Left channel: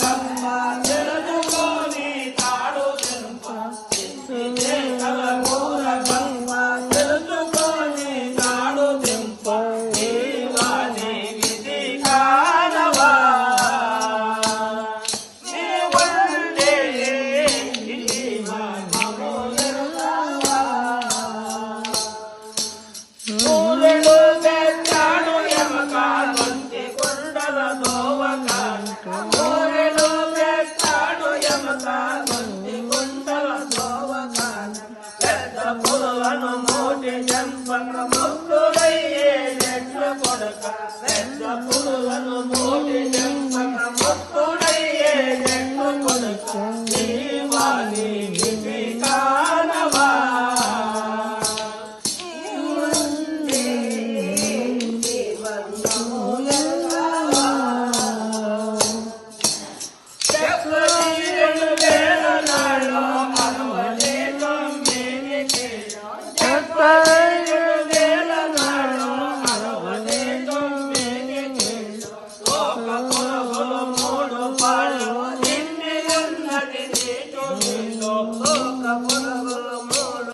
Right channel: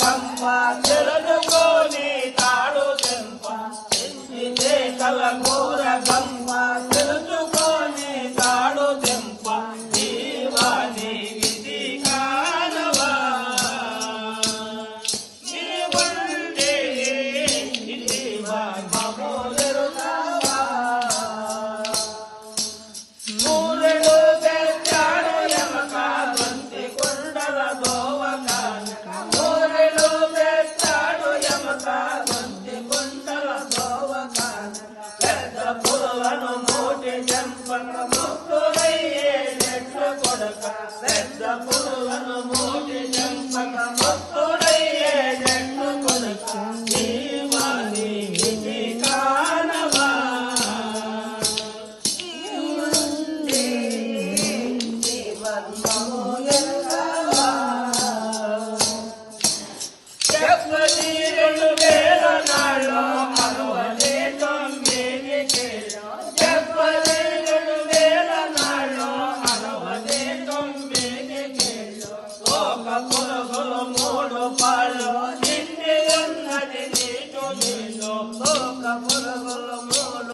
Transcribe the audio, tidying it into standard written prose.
కమ్మ తెలుసుకొని తాడు చెంప మేకల కూర కమ్మ తెలుసుకొని తాడు చెంప జీవాని విధి కారవా నీ వండే జీవము తెలుసావా మూరెడు తెచ్చాడు యమక వంటి కొండల దోవకాన మూరెడు తెచ్చాడు యమక వంటి కొండల దోవకాన పెద్ద పులులను మూటి చెంపక ముత్తులయ్యే చెట్లు కొడక పెద్ద పులులను మూటి చెంపక ముత్తులయ్యే చెట్లు కొడక జీవాని విధి కానవా మూడు పాలు నిండి ఉన్నది నీటు